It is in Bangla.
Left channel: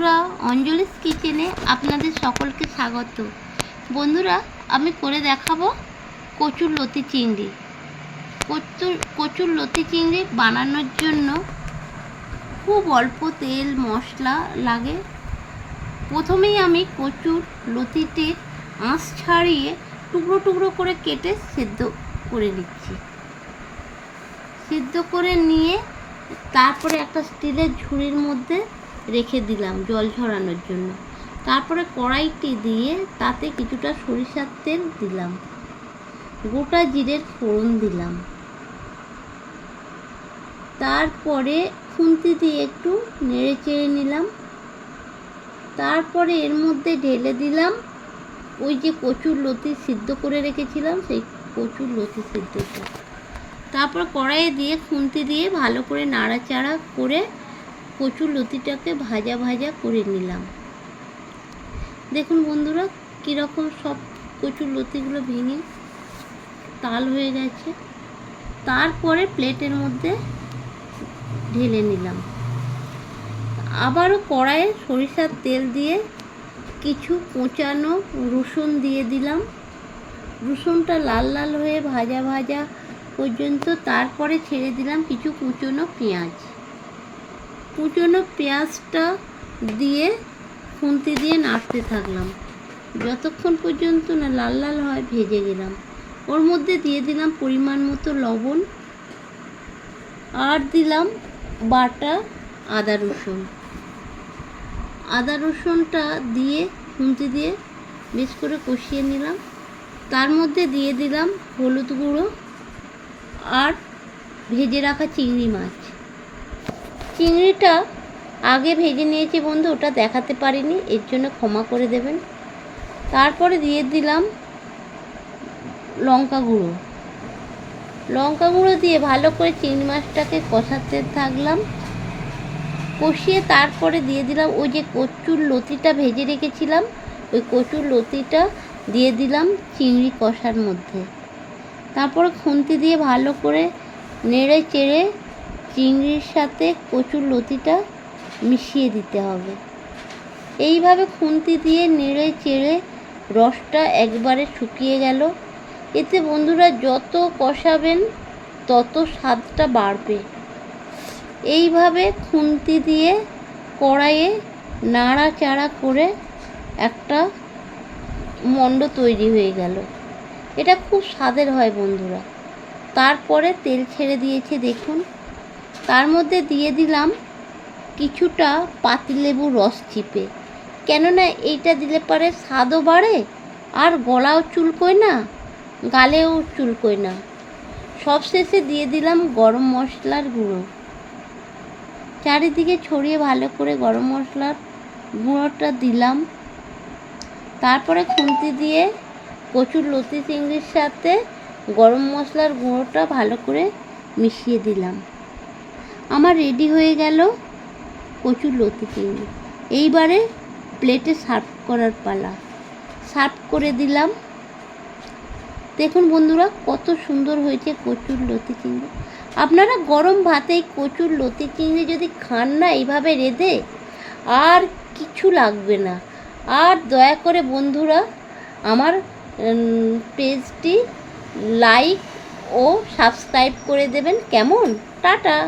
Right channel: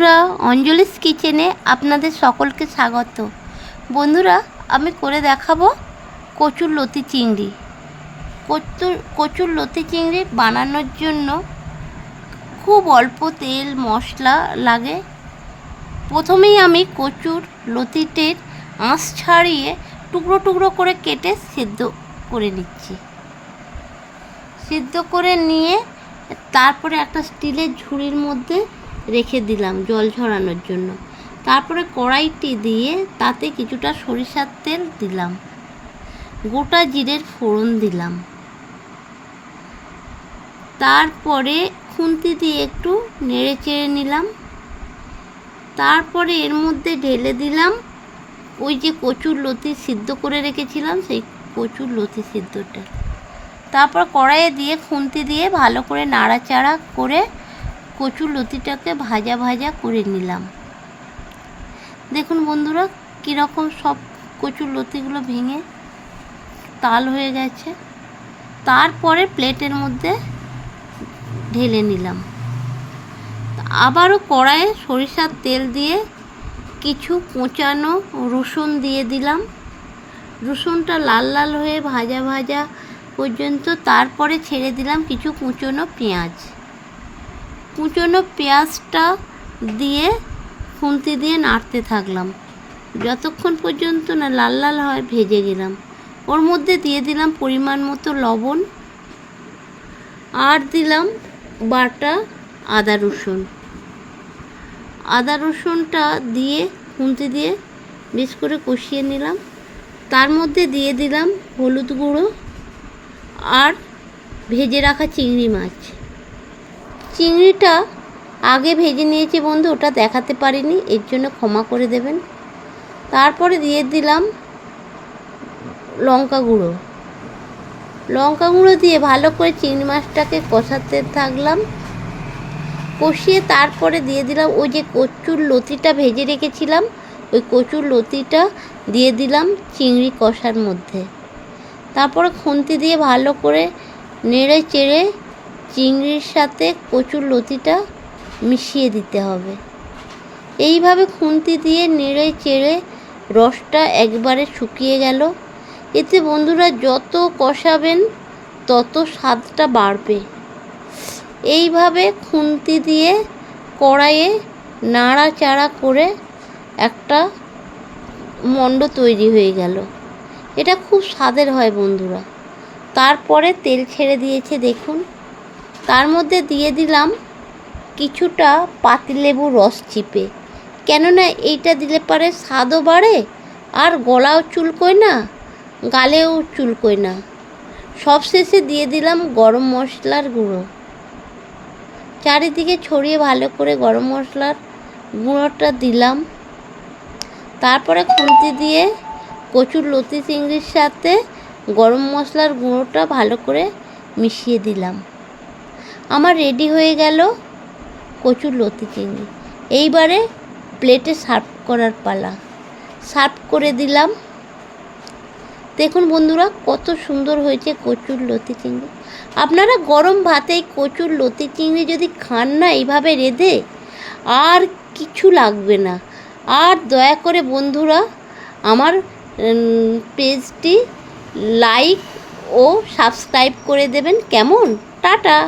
বন্ধুরা, অঞ্জলিস কিচেনে আপনাদের সকলকে স্বাগত। বন্ধুরা, আমি করে দেখাবো কচুর লতি চিংড়ি। কচুর লতি চিংড়ি বানানোর জন্য খুব অল্প তেল মশলা লাগে। প্রথমেই আমি কচুর লতিটির আঁশ ছাড়িয়ে টুকরো টুকরো করে কেটে সিদ্ধ করে নিচ্ছি। সিদ্ধ করে নিয়ে তারপরে একটা স্টিলের ঝুড়ির মধ্যে রেখে দিলাম জল ঝরানোর জন্য। তারপরে কড়াইটি দিয়ে তাতে কিছুটা সরিষার তেল দিলাম, গোটা জিরের ফোড়ন দিলাম, তারপরে খুন্তি দিয়ে একটু নেড়ে চেড়ে নিলাম। তারপরে এর মধ্যে ঢেলে দিলাম ওই যে কচুর লতি সিদ্ধ করে রেখেছিলাম, সেই কচুর লতি সিদ্ধটা। তারপর কড়াইয়ে দিয়ে খুন্তি দিয়ে ভালো করে নাড়াচাড়া করে কচুর লতিটাকে ভাজা ভাজা করে নিলাম। দেখুন বন্ধুরা, কীরকম সব কচুর লতিগুলো ভেঙে তাল হয়ে গেছে। তারপরে প্লেটের মধ্যে ঢেলে নিলাম। আবারও কড়াইয়ে সরিষার তেল দিয়ে কিছু কোঁচানো রসুন দিয়ে দিলাম। রসুনটা লাল লাল হয়ে ভাজা ভাজা পর্যন্ত। তারপরে ছেড়ে দিলাম কিছু কুচনো পেঁয়াজ। কুচনো পেঁয়াজটা দিয়ে খুন্তি দিয়ে নাড়তে থাকলাম যতক্ষণ পর্যন্ত না লাল লাল হয় ভেজে গেলাম। ওর মধ্যে দিয়ে দিলাম পরিমাণ মতো লবণ, আর দিলাম বাটা আদা রসুন। আদা রসুনটা দিয়ে খুন্তি দিয়ে বেশ করে কষিয়ে নিলাম। তার মধ্যে দিয়ে দিলাম হলুদ গুঁড়ো আর ভেজে রাখা চিংড়ি মাছ। চিংড়িটা আগে ভেজে নিয়েছি বন্ধু, ওটা দেখাতে পারিনি, এর জন্য ক্ষমা করে দেবেন। তারপরে দিয়ে দিলাম লঙ্কা গুঁড়ো দিয়ে ভালো করে চিংড়ি মাছটাকে কষাতে থাকলাম। কষিয়ে তারপরে দিয়ে দিলাম ওই যে কচুর লতিটা ভেজে রেখেছিলাম, ওই কচুর লতিটা দিয়ে দিলাম চিংড়ি কষার মধ্যে। তারপরে খুন্তি দিয়ে ভালো করে নেড়ে চেড়ে চিংড়ির সাথে কচুর লতিটা মিশিয়ে দিতে হবে। এইভাবে খুন্তি দিয়ে নেড়ে চেড়ে রসটা একবারে শুকিয়ে গেল। এতে বন্ধুরা যত কষাবেন তত স্বাদটা বাড়বে। এইভাবে খুন্তি দিয়ে কড়াইয়ে নাড়াচাড়া করে একটা মণ্ড তৈরি হয়ে গেল। এটা খুব স্বাদের হয় বন্ধুরা। তারপরে তেল ছেড়ে দিয়েছে দেখুন। তার মধ্যে দিয়ে দিলাম কিছুটা পাতিলেবুর রস চিপে, কেননা এইটা দিলে পরে স্বাদও বাড়ে আর গলাও চুলকোয় না, গালেও চুলকোয় না। সবশেষে দিয়ে দিলাম গরম মশলার গুঁড়ো। চারিদিকে ছড়িয়ে ভালো করে গরম মশলার গুঁড়োটা দিলাম। তারপরে খুন্তি দিয়ে কচুর লতি চিংড়ির সাথে গরম মশলার গুঁড়োটা ভালো করে মিশিয়ে দিলাম। আমার রেডি হয়ে গেল কচুর লতি চিংড়ি। এইবারে প্লেটে সার্ভ করার পালা। সার্ভ করে দিলাম। দেখুন বন্ধুরা, কত সুন্দর হয়েছে কচুর লতি চিংড়ি। আপনারা গরম ভাতে কচুর লতি চিংড়ি যদি খান না এইভাবে রেঁধে, আর কিছু লাগবে না। আর দয়া করে বন্ধুরা আমার পেজটি লাইক ও সাবস্ক্রাইব করে দেবেন। কেমন? টাটা।